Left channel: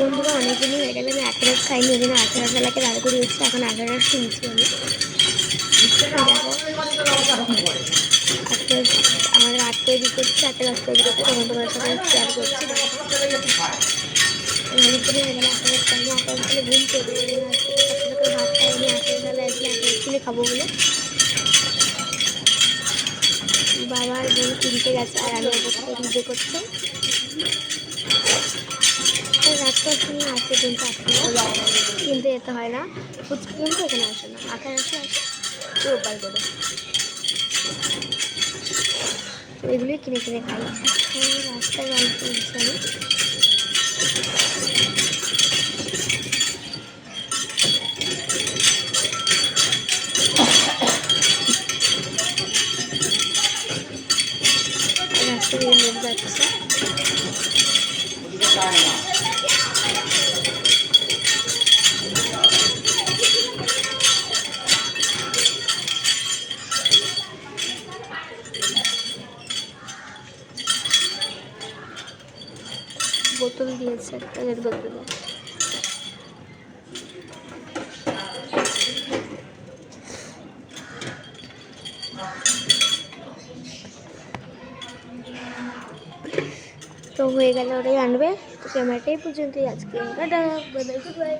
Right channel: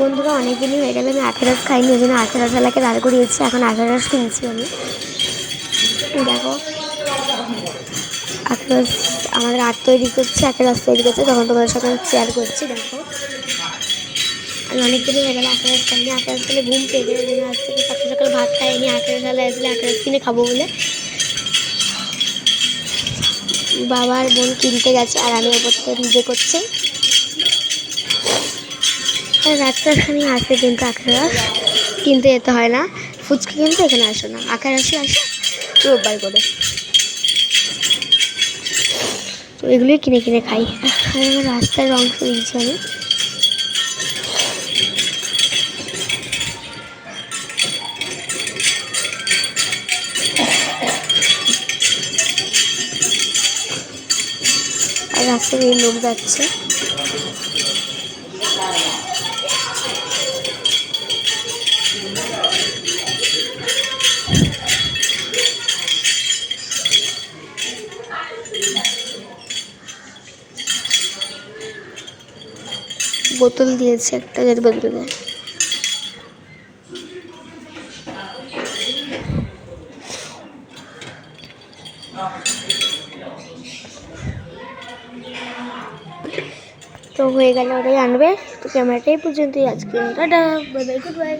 বন্ধুরা অনেকদিনই হয়ে গেলে আমি আখের রস খাইনি, ওই জন্য আখের রসওয়ালাকে দাঁড় করিয়েছি। এখন আখের রস কিনছি আমি। দেখো আখের রস আমাদের আখ তৈরি করছে, আখের রস তৈরি করছে, তখন তোমাদের সাথে শেয়ার করছি। দেখো আমি অনেকদিনই হয়ে গেলে আখের রস খাইনি। আখের রস খেলে ঘুম পেয়ে যাবে, ওই জন্য আজ থেকে সকাল সকাল ভাত খাইনি। আখের রসওয়ালা আসলে আখের রস কিনে খাবো বলে বাবা আর বোন কিনতে গেছে, আর আমি ওপর থেকে নিজে করছি। রাস্তার সামনে আসে কিন্তু আখের রস কিনতে যেতে হয় না, ফুচকা কিনতে এখানে আসে না, আখের রসে আসে রোববার করে। তো এগুলোই কিনে কিনে খাই। রাস্তার রং তুলছি আমি। আর রাস্তায় এই লোক যাচ্ছে। বোতল দিয়েছে একটা, যাতে বোতলে তো হয়ে গেলে ওরাই আনবে। তো ক্যামেরাটাই পর্যন্তই আজকে। Tata, bye bye, good bye.